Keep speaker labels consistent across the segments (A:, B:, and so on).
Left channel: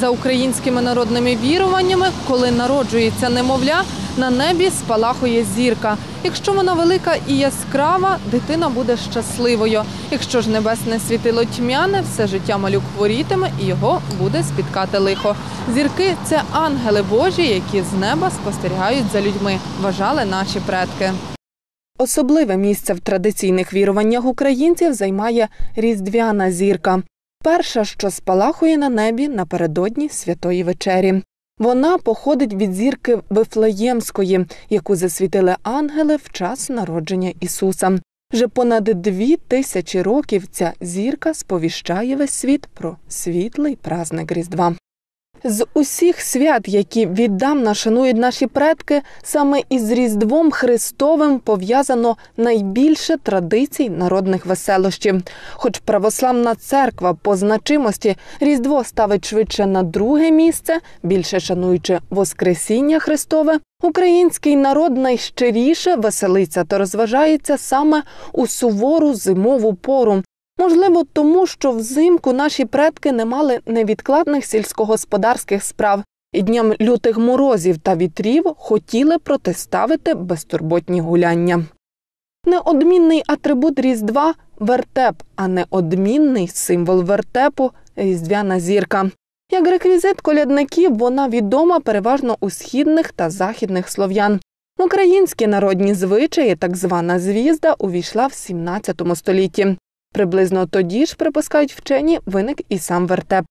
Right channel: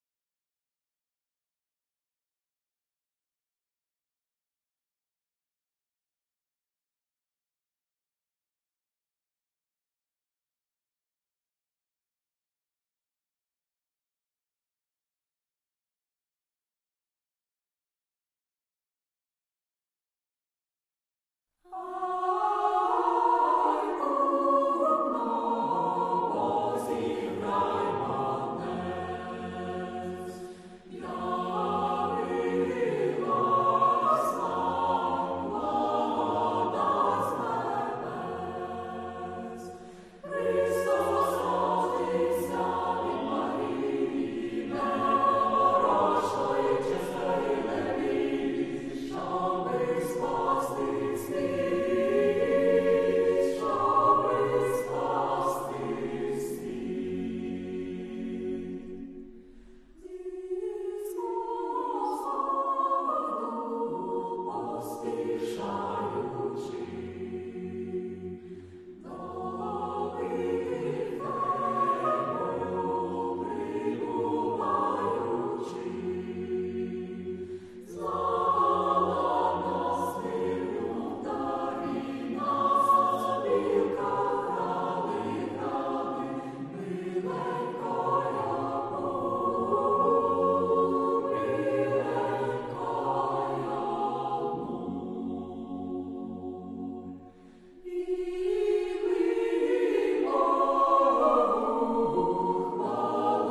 A: За українськими народними віруваннями, коли народжується немовля, на небі спалахує зірка. Якщо вона велика і яскрава, дитина буде щасливою. Якщо ж небесне світило тьмяне, все життя малюк хворітиме і його буде спіткати лихо. Зірки це ангели Божі, які з неба спостерігають за людьми, вважали наші предки. Особливе місце в традиційних віруваннях українців займає різдвяна зірка. Перша, що спалахує на небі напередодні святої вечері. Вона походить від зірки Вифлеємської, яку засвітили ангели в час народження Ісуса. Вже понад дві тисячі років ця зірка сповіщає весь світ про світлий празник Різдва. З усіх свят, які віддавна шанують наші предки, саме із Різдвом Христовим пов'язано найбільше традицій народних веселощів. Хоч православна церква по значимості Різдво ставить швидше на друге місце, більше шануючи Воскресіння Христове, український народ найщиріше веселиться та розважається саме у сувору зимову пору. Можливо, тому що взимку наші предки не мали невідкладних сільськогосподарських справ і дням лютих морозів та вітрів хотіли протиставити безтурботні гуляння. Неодмінний атрибут Різдва вертеп, а неодмінний символ вертепу різдвяна зірка. Як реквізит колядників, вона відома переважно у східних та західних слов'ян. Українські народні звичаї, так звана звізда, увійшла в 17 столітті. Приблизно тоді ж, припускають вчені, виник і сам вертеп.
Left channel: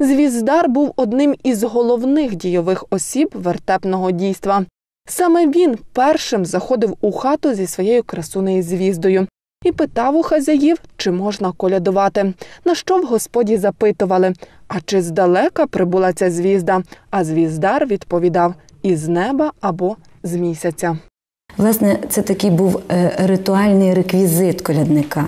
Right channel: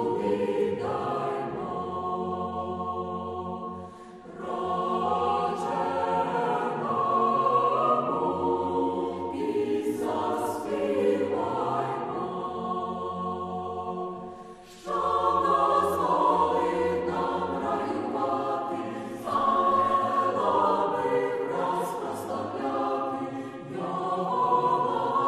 A: Звіздар був одним із головних дійових осіб вертепного дійства. Саме він першим заходив у хату зі своєю красунею звіздою і питав у хазяїв, чи можна колядувати. На що в господі запитували, а чи здалека прибула ця звізда? А звіздар відповідав із неба або з місяця.
B: Власне, це такий був е, ритуальний реквізит колядника.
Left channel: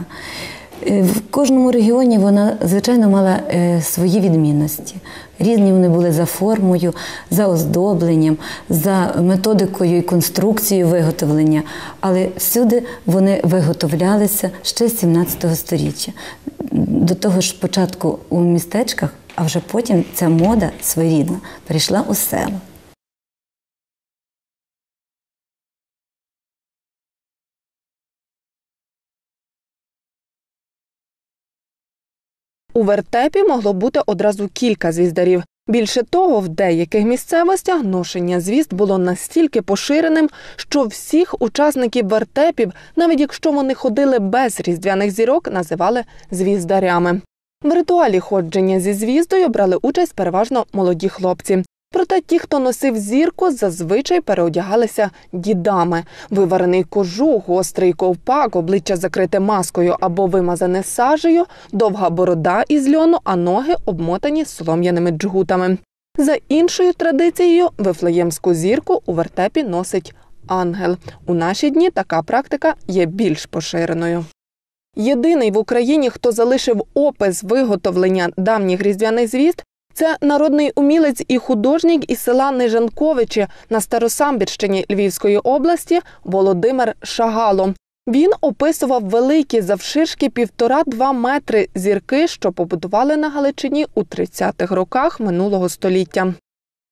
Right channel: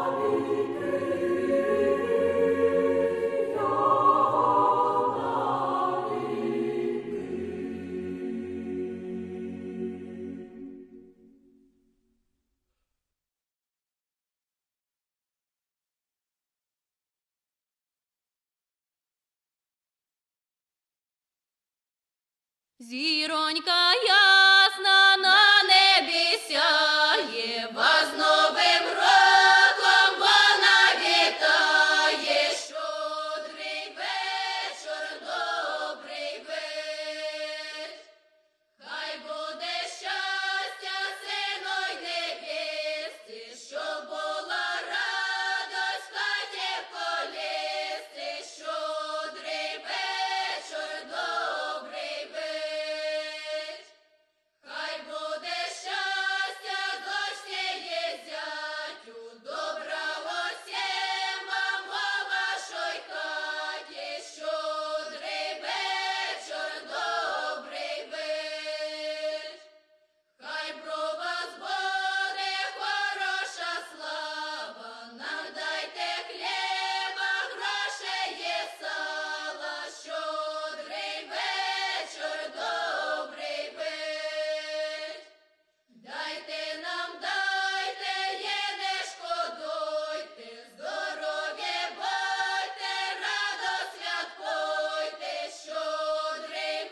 B: Е, В кожному регіоні вона, звичайно, мала е, свої відмінності. Різні вони були за формою, за оздобленням, за методикою і конструкцією виготовлення, але всюди вони виготовлялися ще з 17 століття. До того ж, спочатку у містечках, а вже потім ця мода своєрідна перейшла у село.
A: У вертепі могло бути одразу кілька звіздарів. Більше того, в деяких місцевостях ношення звізд було настільки поширеним, що всіх учасників вертепів, навіть якщо вони ходили без різдвяних зірок, називали звіздарями. В ритуалі ходження зі звіздою брали участь переважно молоді хлопці. Проте ті, хто носив зірку, зазвичай переодягалися дідами. Виварений кожух, гострий ковпак, обличчя закрите маскою або вимазане сажею, довга борода із льону, а ноги обмотані солом'яними джгутами. За іншою традицією, вифлеємську зірку у вертепі носить ангел. У наші дні така практика є більш поширеною. Єдиний в Україні, хто залишив опис виготовлення давніх різдвяних звізд, це народний умілець і художник із села Нижанковичі на Старосамбірщині Львівської області Володимир Шагало. Він описував великі завширшки півтора-два метри зірки, що побудували на Галичині у 30-х роках минулого століття.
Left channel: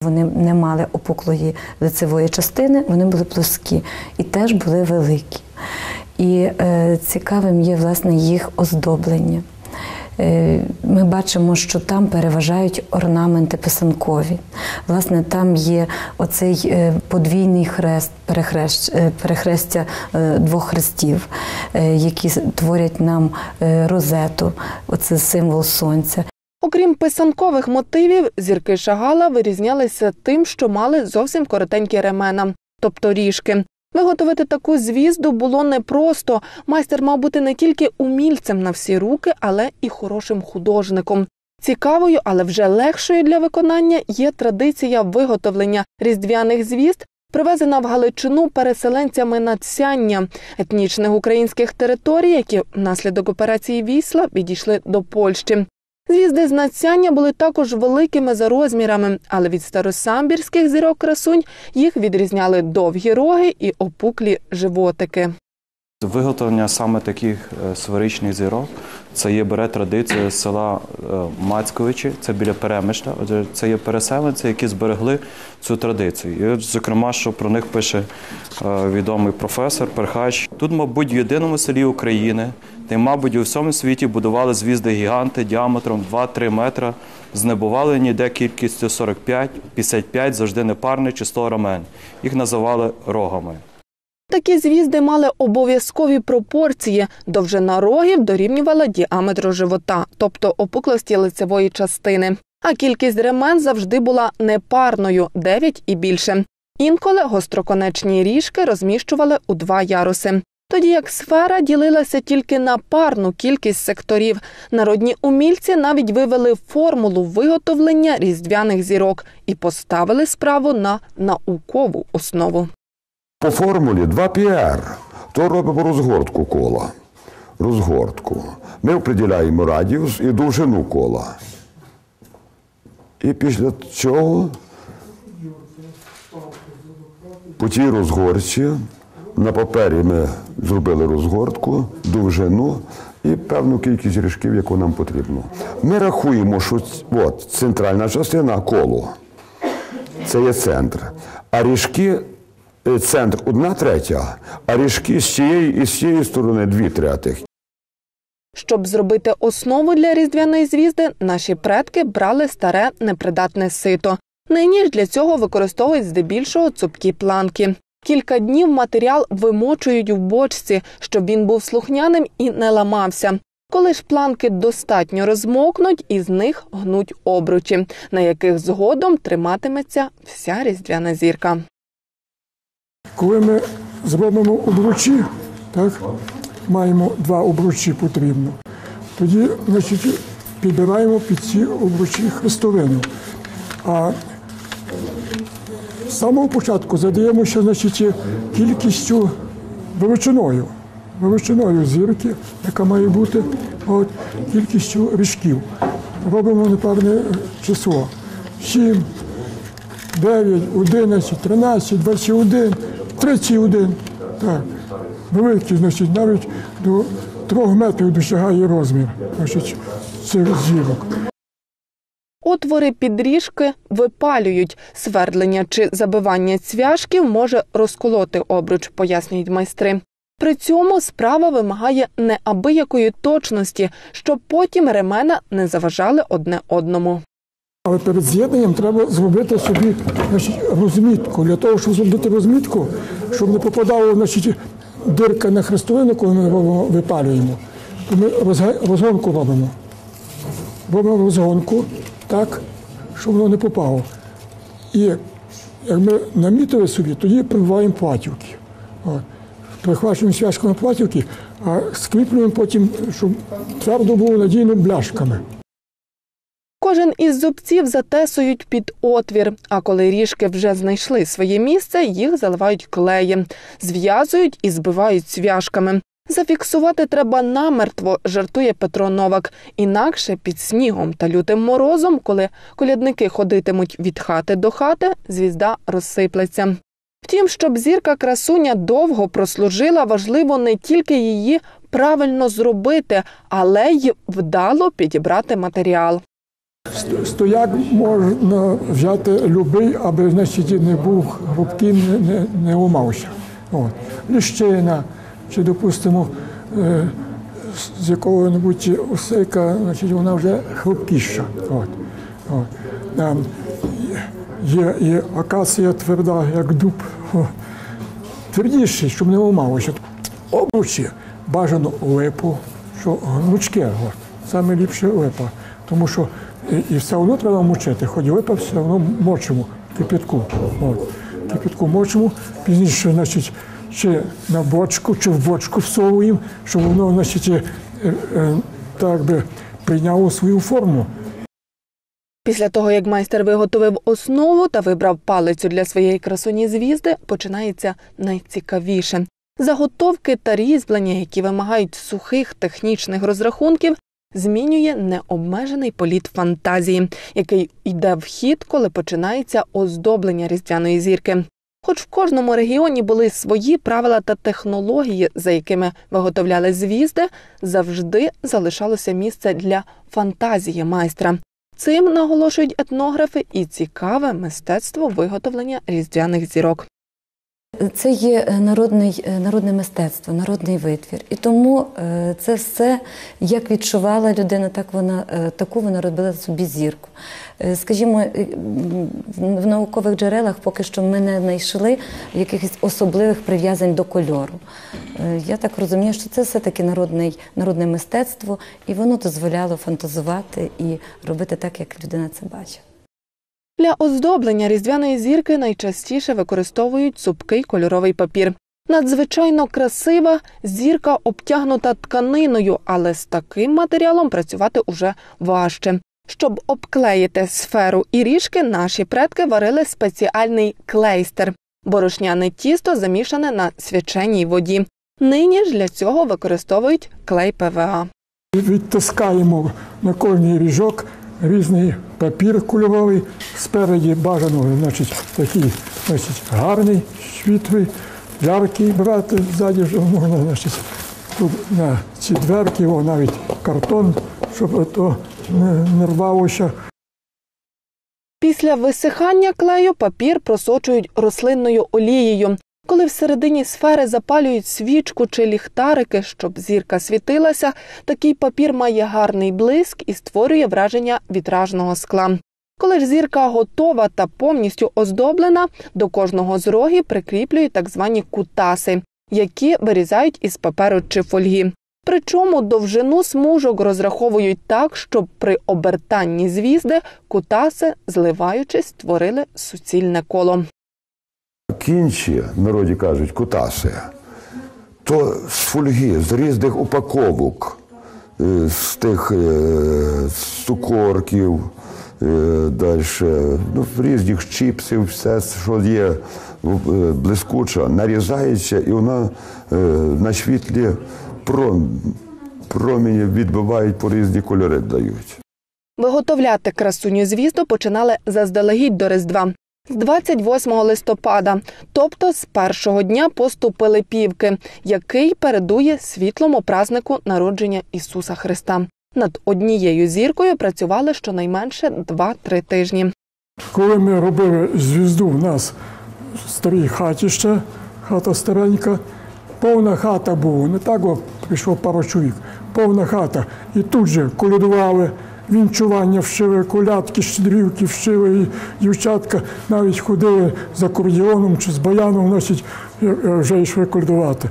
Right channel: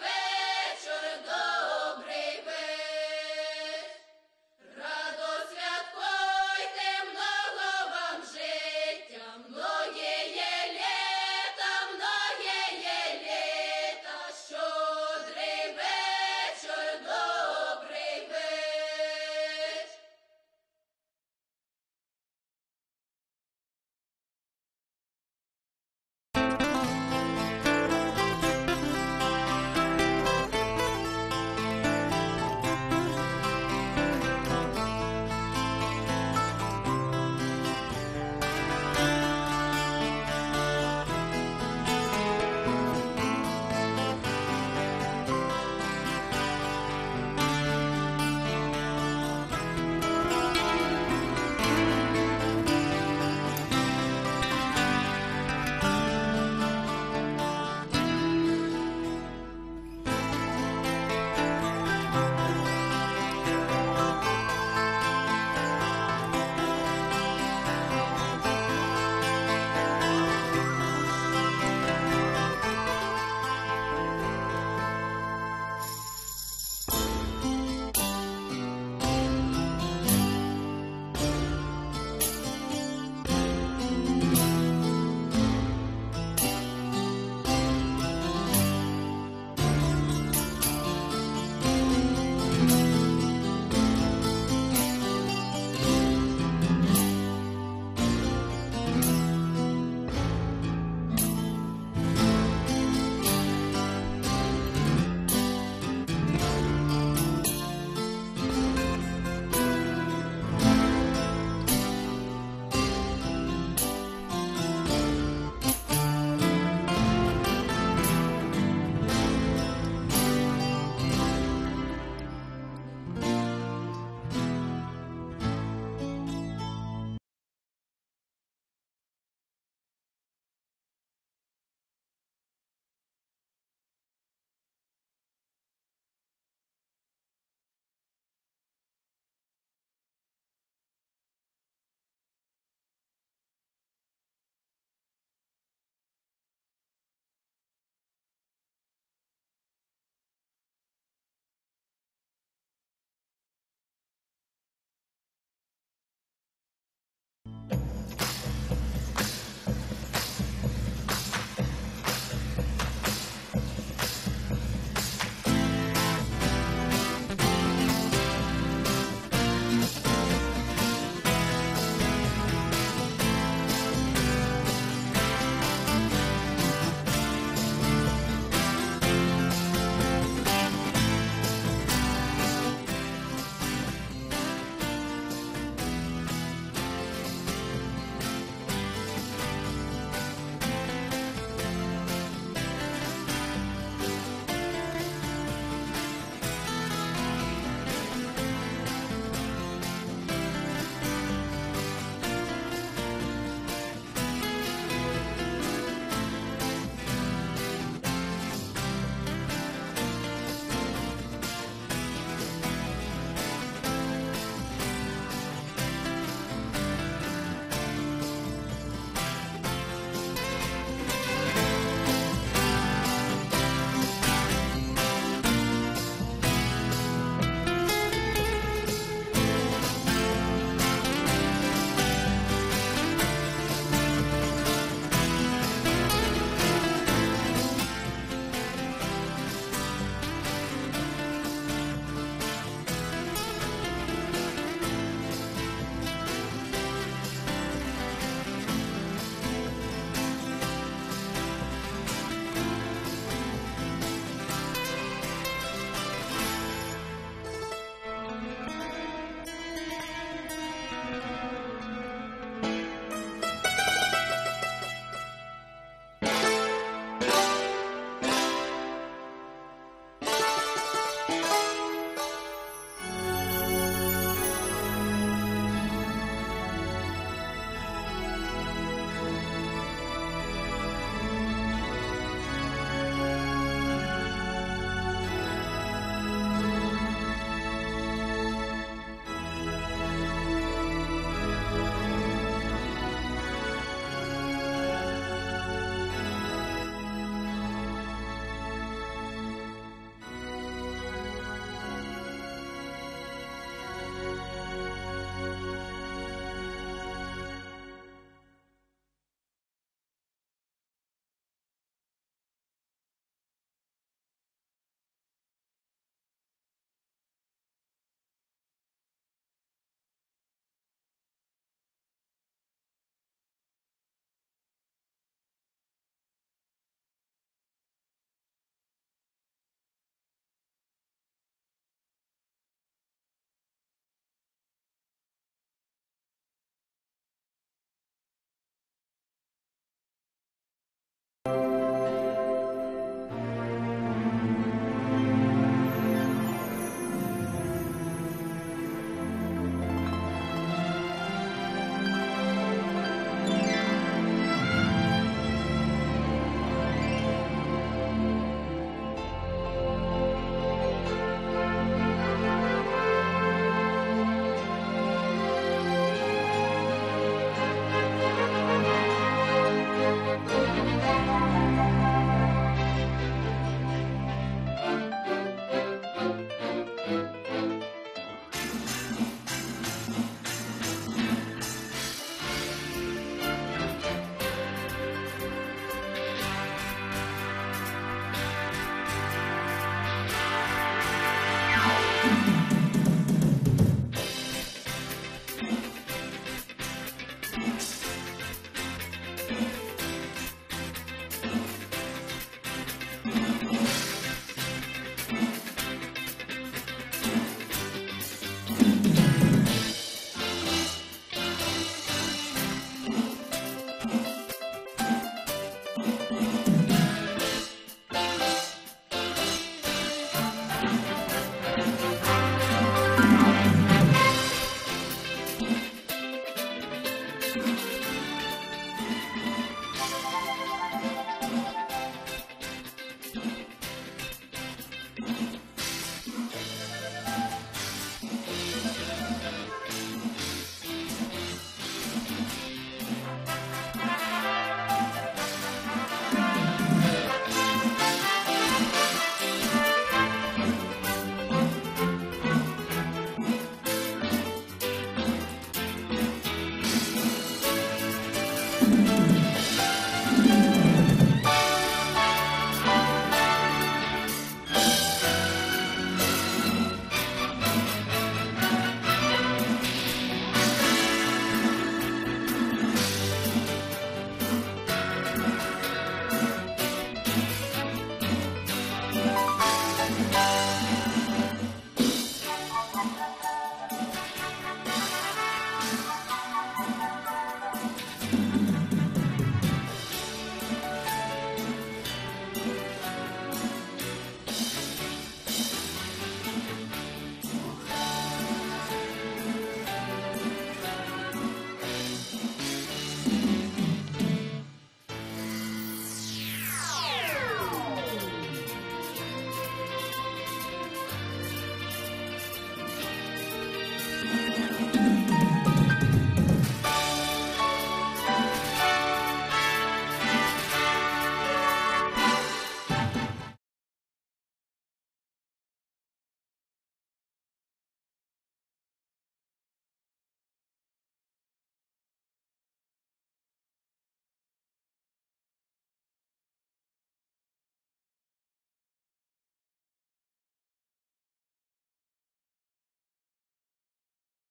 B: Вони не мали опуклої лицевої частини, вони були плоскі і теж були великі. І е, цікавим є власне їх оздоблення. Е, Ми бачимо, що там переважають орнаменти писанкові. Власне, там є оцей е, подвійний хрест, перехрест, е, перехрестя двох хрестів, які творять нам розету, оце символ сонця.
A: Писанкових мотивів, зірки Шагала вирізнялися тим, що мали зовсім коротенькі ремена, тобто ріжки. Виготовити таку звізду було непросто. Майстер мав бути не тільки умільцем на всі руки, але і хорошим художником. Цікавою, але вже легшою для виконання є традиція виготовлення різдвяних звізд, привезена в Галичину переселенцями надсяння етнічних українських територій, які внаслідок операції Вісла підійшли до Польщі. Звізди з надсяння були також великими за розмірами, але від старосамбірських зірок красунь їх відрізняли довгі роги і опуклі животики.
C: Виготовлення саме таких е, сферичних зірок Це є бере традиція з села е, Мацьковичі, це біля Перемишля. Це є переселенці, які зберегли цю традицію. І от, зокрема, що про них пише е, відомий професор Перхач. Тут, мабуть, в єдиному селі України, й, мабуть, у всьому світі будували звізди гіганти діаметром 2-3 метра. Знебували ніде кількістю 45, 55, завжди непарний чи 100 рамен. Їх називали рогами.
A: Такі звізди мали обов'язкові пропорції. Довжина рогів дорівнювала діаметру живота, тобто опуклості лицевої частини. А кількість ремен завжди була непарною 9 і більше. Інколи гостроконечні ріжки розміщували у два яруси. Тоді як сфера ділилася тільки на парну кількість секторів. Народні умільці навіть вивели формулу виготовлення різдвяних зірок і поставили справу на наукову основу.
D: По формулі 2πr. То робимо розгортку кола. Розгортку. Ми определяємо радіус і довжину кола. І після цього по тій розгорці на папері ми зробили розгортку, довжину і певну кількість ріжків, яку нам потрібно. Ми рахуємо, що от, центральна частина коло. Це є центр. А ріжки центр одна третя, а ріжки з цієї і з цієї сторони дві третіх.
A: Щоб зробити основу для різдвяної звізди, наші предки брали старе непридатне сито. Нині ж для цього використовують здебільшого цупкі планки. Кілька днів матеріал вимочують в бочці, щоб він був слухняним і не ламався. Коли ж планки достатньо розмокнуть, із них гнуть обручі, на яких згодом триматиметься вся різдвяна зірка.
E: Коли ми зробимо обручі, так, маємо два обручі потрібно, тоді значить, підбираємо під ці обручі хрестовини. А з самого початку задаємося значить, кількістю величиною, величиною зірки, яка має бути от, кількістю ріжків. Робимо непевне число. 7, 9, 11, 13, 21, 31. Так. Великий, значить, навіть до трьох метрів досягає розмір значить, цих зірок.
A: Отвори підріжки випалюють. Свердлення чи забивання цвяшків може розколоти обруч, пояснюють майстри. При цьому справа вимагає неабиякої точності, щоб потім ремена не заважали одне одному.
E: Але перед з'єднанням треба зробити собі значить, розмітку. Для того, щоб зробити розмітку, щоб не попадало значить, дирка на хрестовину, коли ми випалюємо, то ми розгонку робимо. Робимо розгонку так, щоб воно не попало. І як ми намітили собі, тоді прибуваємо платівки. Прихвачуємо зв'язками платівки, а скріплюємо потім, щоб твердо було надійно бляшками.
A: Кожен із зубців затесують під отвір, а коли ріжки вже знайшли своє місце, їх заливають клеєм, зв'язують і збивають цвяшками. Зафіксувати треба намертво, жартує Петро Новак. Інакше під снігом та лютим морозом, коли колядники ходитимуть від хати до хати, звізда розсиплеться. Втім, щоб зірка красуня довго прослужила, важливо не тільки її правильно зробити, але й вдало підібрати матеріал.
E: Ст- Стояк можна взяти любий, аби значить, не був грубким, не, не. От. Ліщина, чи, допустимо, е, з- якого-небудь осика, значить, вона вже хрупкіша. От. От. Там є і акація тверда, як дуб. О. Твердіший, щоб не ламалося. Обручі бажано липу, що гнучке, саме ліпше липа. Тому що і, все одно треба мочити, хоч липа все одно мочимо кипятку. От. Кипятку мочимо, пізніше, значить, чи на бочку, чи в бочку всовуємо, щоб воно, значить, е, е, так би прийняло свою форму.
A: Після того, як майстер виготовив основу та вибрав палицю для своєї красуні звізди, починається найцікавіше. Заготовки та різьблення, які вимагають сухих технічних розрахунків, змінює необмежений політ фантазії, який йде в хід, коли починається оздоблення різдвяної зірки. Хоч в кожному регіоні були свої правила та технології, за якими виготовляли звізди, завжди залишалося місце для фантазії майстра. Цим наголошують етнографи і цікаве мистецтво виготовлення різдвяних зірок.
B: Це є е, народний, е, народне мистецтво, народний витвір. І тому е, це все, як відчувала людина, так вона, таку вона робила в собі зірку. Скажімо, в наукових джерелах поки що ми не знайшли якихось особливих прив'язань до кольору. Я так розумію, що це все-таки народний, народне мистецтво, і воно дозволяло фантазувати і робити так, як людина це бачить.
A: Для оздоблення різдвяної зірки найчастіше використовують цупкий кольоровий папір. Надзвичайно красива зірка обтягнута тканиною, але з таким матеріалом працювати уже важче. Щоб обклеїти сферу і ріжки, наші предки варили спеціальний клейстер борошняне тісто замішане на свяченій воді. Нині ж для цього використовують клей ПВА.
E: Відтискаємо на кожний ріжок різний папір кольоровий. Спереді бажано, значить, такий значить, гарний, світлий, яркий брати ззаді, вже можна, значить, тут на ці дверки, о, навіть картон, щоб то не рвалося.
A: Після висихання клею папір просочують рослинною олією. Коли всередині сфери запалюють свічку чи ліхтарики, щоб зірка світилася, такий папір має гарний блиск і створює враження вітражного скла. Коли ж зірка готова та повністю оздоблена, до кожного з рогів прикріплюють так звані кутаси, які вирізають із паперу чи фольги. Причому довжину смужок розраховують так, щоб при обертанні звізди кутаси, зливаючись, створили суцільне коло.
D: Кінчі, в народі кажуть, кутаси, то з фольги, з різних упаковок, е, з тих е, з цукорків, далі, ну, різних чіпсів, все, що є е, блискуче, нарізається і вона е, на світлі пром- промені відбивають по різні кольори дають.
A: Виготовляти красуню звізду починали заздалегідь до Різдва 28 листопада, тобто з першого дня посту Пилипівки, який передує світлому празнику народження Ісуса Христа. Над однією зіркою працювали щонайменше 2-3 тижні.
E: Коли ми робили звізду в нас в старій хаті ще, хата старенька, повна хата була, не так о, прийшло пару чоловік, повна хата. І тут же колядували, вінчування вшили, колядки, щедрівки вшили, і дівчатка навіть ходили за кордіоном чи з баяном, значить, е, е, вже йшли колядувати.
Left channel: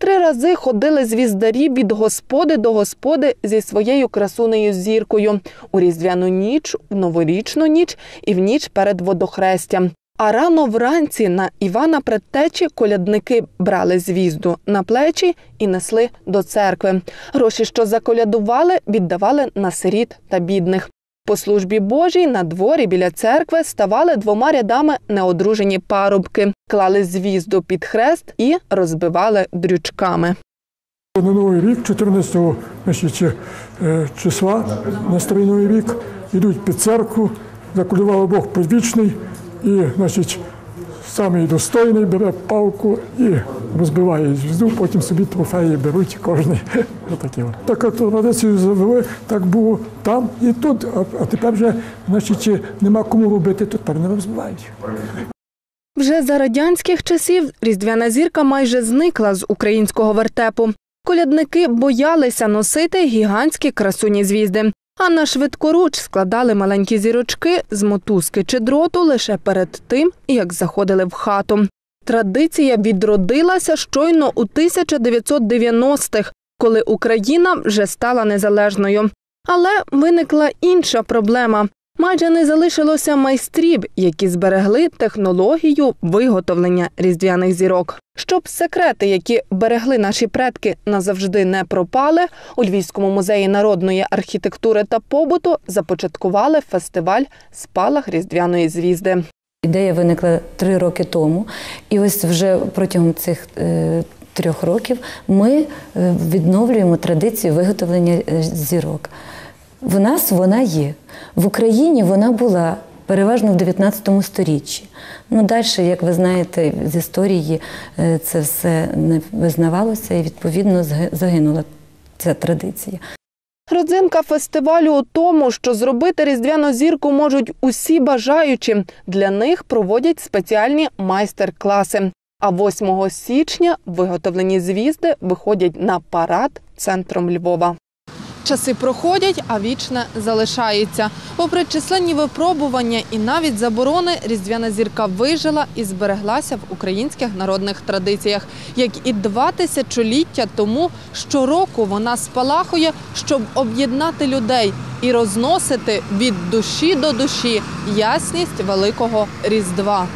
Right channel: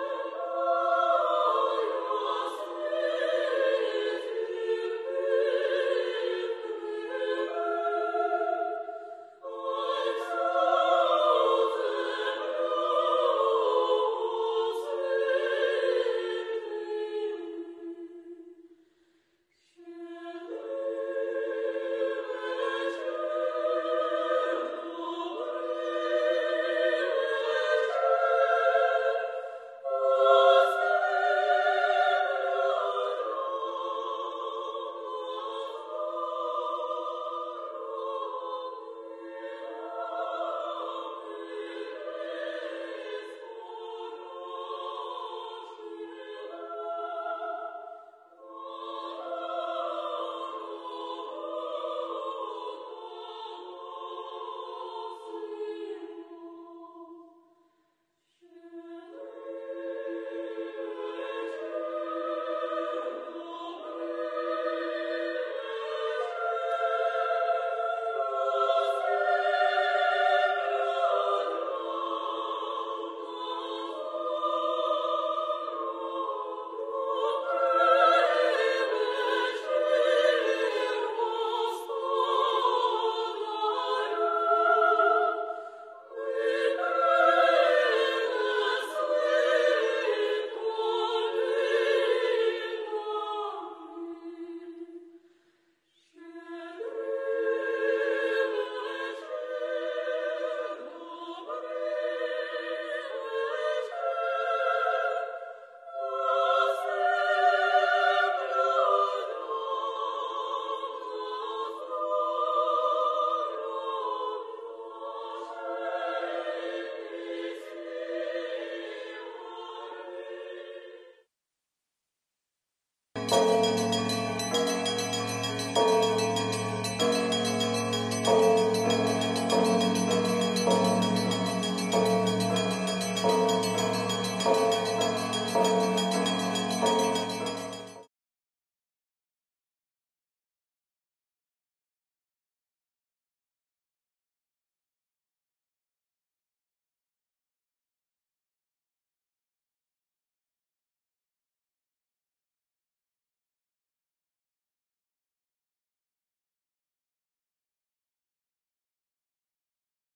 A: Три рази ходили звіздарі від господи до господи зі своєю красунею зіркою у різдвяну ніч, в новорічну ніч і в ніч перед водохрестям. А рано вранці на Івана Предтечі колядники брали звізду на плечі і несли до церкви. Гроші, що заколядували, віддавали на сиріт та бідних. По службі Божій на дворі біля церкви ставали двома рядами неодружені парубки, клали звізду під хрест і розбивали дрючками.
E: На новий рік, 14 значить, е, числа на старий новий рік, йдуть під церкву, заколював Бог підвічний і, значить, самий достойний бере палку і розбиває звізду, потім собі трофеї беруть кожен. Так традицію завели, так було там і тут, а тепер вже значить, нема кому робити, то тепер не розбивають.
A: Вже за радянських часів різдвяна зірка майже зникла з українського вертепу. Колядники боялися носити гігантські красуні звізди, а на швидкоруч складали маленькі зірочки з мотузки чи дроту лише перед тим, як заходили в хату. Традиція відродилася щойно у 1990-х, коли Україна вже стала незалежною. Але виникла інша проблема. Майже не залишилося майстрів, які зберегли технологію виготовлення різдвяних зірок. Щоб секрети, які берегли наші предки, назавжди не пропали, у Львівському музеї народної архітектури та побуту започаткували фестиваль Спалах різдвяної звізди.
B: Ідея виникла три роки тому, і ось вже протягом цих е, трьох років ми е, відновлюємо традицію виготовлення е, зірок. В нас вона є. В Україні вона була переважно в 19 сторіччі. Ну, далі, як ви знаєте, з історії е, це все не визнавалося і відповідно загинула ця традиція.
A: Родзинка фестивалю у тому, що зробити різдвяну зірку можуть усі бажаючі. Для них проводять спеціальні майстер-класи. А 8 січня виготовлені звізди виходять на парад центром Львова. Часи проходять, а вічне залишається. Попри численні випробування і навіть заборони, різдвяна зірка вижила і збереглася в українських народних традиціях. Як і два тисячоліття тому, щороку вона спалахує, щоб об'єднати людей і розносити від душі до душі ясність великого різдва.